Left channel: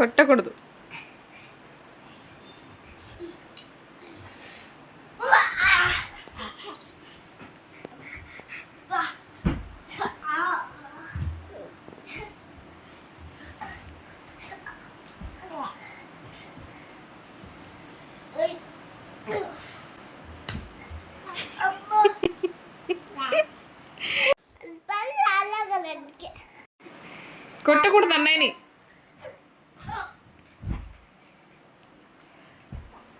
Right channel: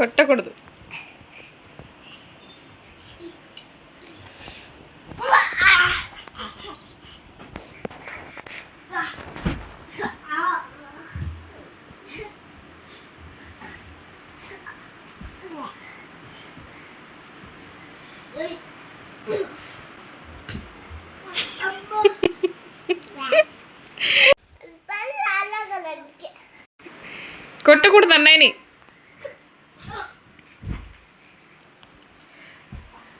కొట్టకూడదు కొట్టకూడదు అన్నయ్యని ఆడుకోవాలి అన్నయ్యతో కొట్టకూడదు నీ బుక్కు నీ కళ్ళు నీ బాబు అందరి ఇవ్వలే ఎత్తియా ఏమంటే ఈ పాపకి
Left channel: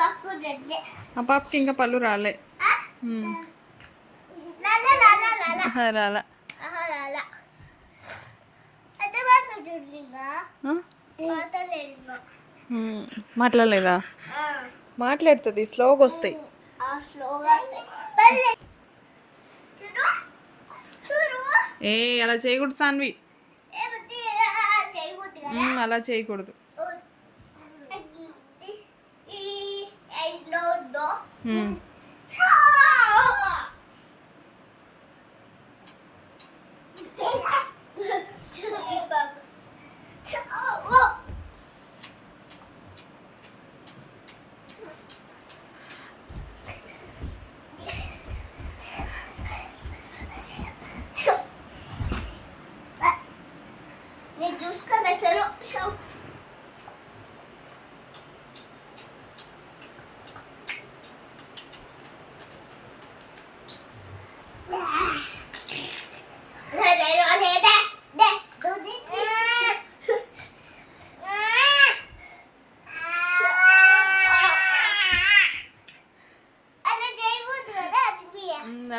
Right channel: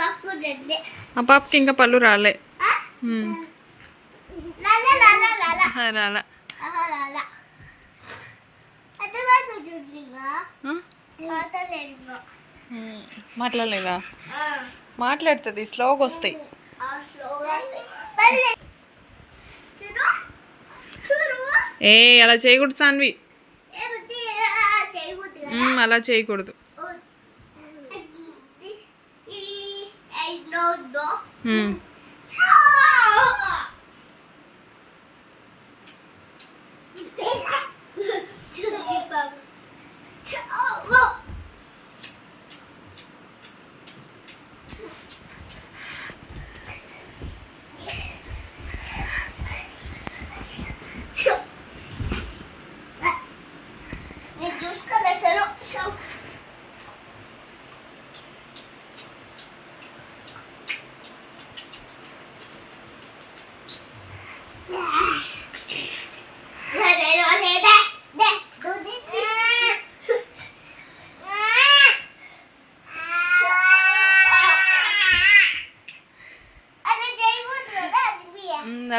ఈ పాపకు రెండే ఆ పాపకి ఇంకా పళ్ళు రాలే? మాట్లాడలేదు? మాట్లాడుతుంది స్లోగా వస్తాయి. ఏ అలా చేయకూడదు సాన్వి. అలా చేయకూడదు. నో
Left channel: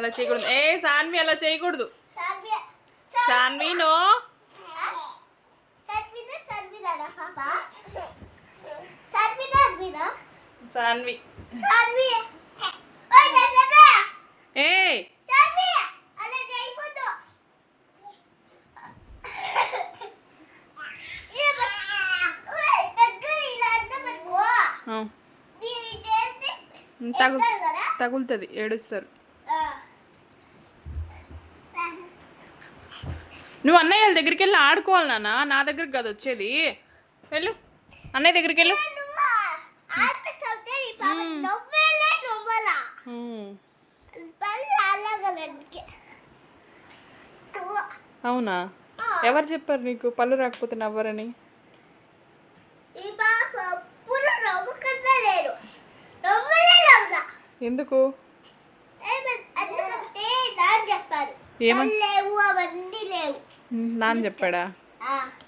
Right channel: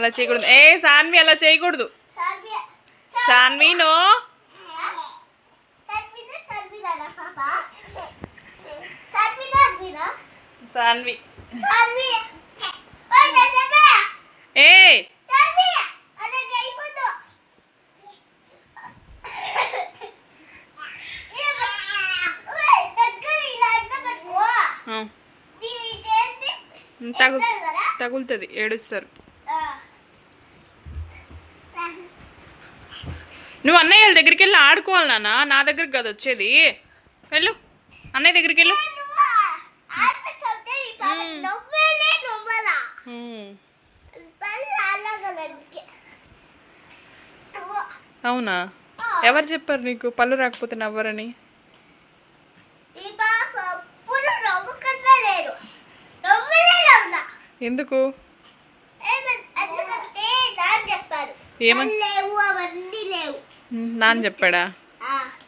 అలా చేయకూడదు. ఏ సాన్వి అలా చేయకూడదు. సాన్వి నో. సాన్వి ఏ. తగు తగులుతుంది ఏడుస్తారు. నువ్వు అన్నయ్య వాళ్ళ దగ్గరికి వెళ్ళి ఆడుకోవాలి నాన్న. నా దగ్గరికి కాదు వచ్చేది. వెళ్ళు. అన్నయ్య దగ్గరికి వెళ్ళు. అవునా? ఎవరు చెప్పారు నీకు? పళ్ళు రాకపోతే నవ్వరని? ఎందుకు? ఏమని అవన్నీ లేవు. హ్మ్, నాన్న చెప్పాడా?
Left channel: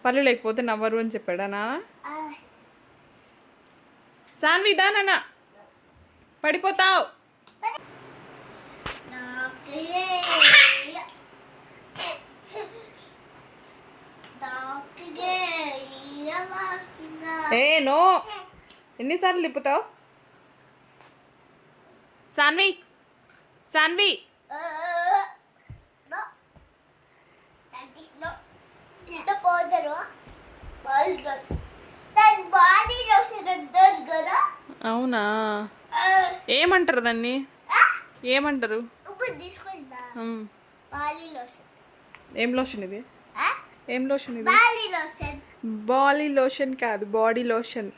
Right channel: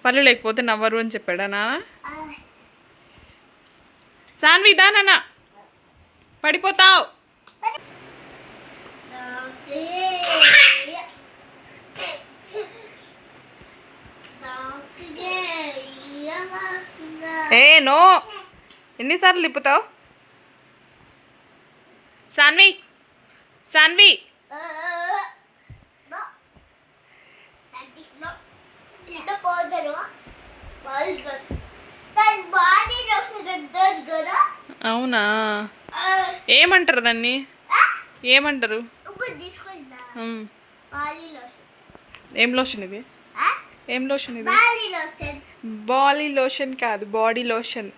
పళ్ళు లేకపోతే నవ్వరు అని చెప్పాడా నాన్న. సాన్వి దా నాన్న. పడిపోతావు. ఏ నో. ఎన్నిసార్లు తిప్పుతావు? సాన్వి సాన్వి. అవునా? ఏమంటారు దాన్ని? ఏమంటారు? ఏం లోషన్ ఇది? ఏం లోషన్ ఇది? Body lotion. కాదు బాడీ లోషన్.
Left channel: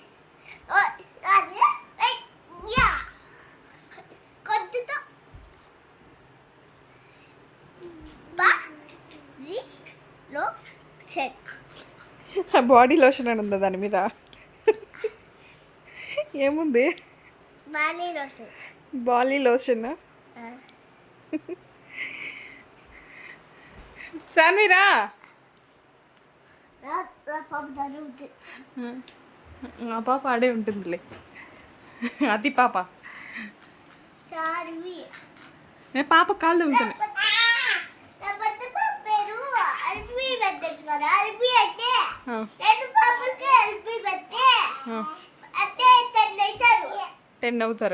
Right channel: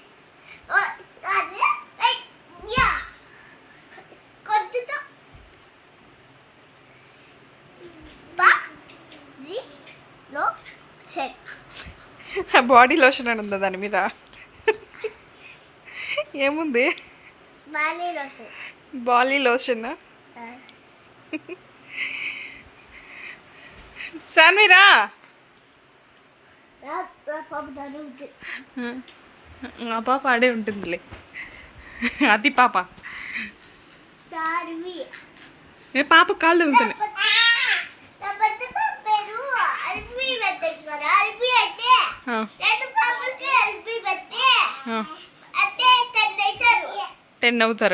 బాడీ లోషన్ అని ఉందా దాని మీద? ఏముంది? Body lotion. Body lotion? సాన్విరా? రా రా పాప జరుగుతుంది ఆ పాప ఆడే ఉంటుందిలే. అది పాప. ఏ పాప కాళ్ళు ఉంటుంది అంటే రెండు పెట్టి ટેન નવ ધોરણ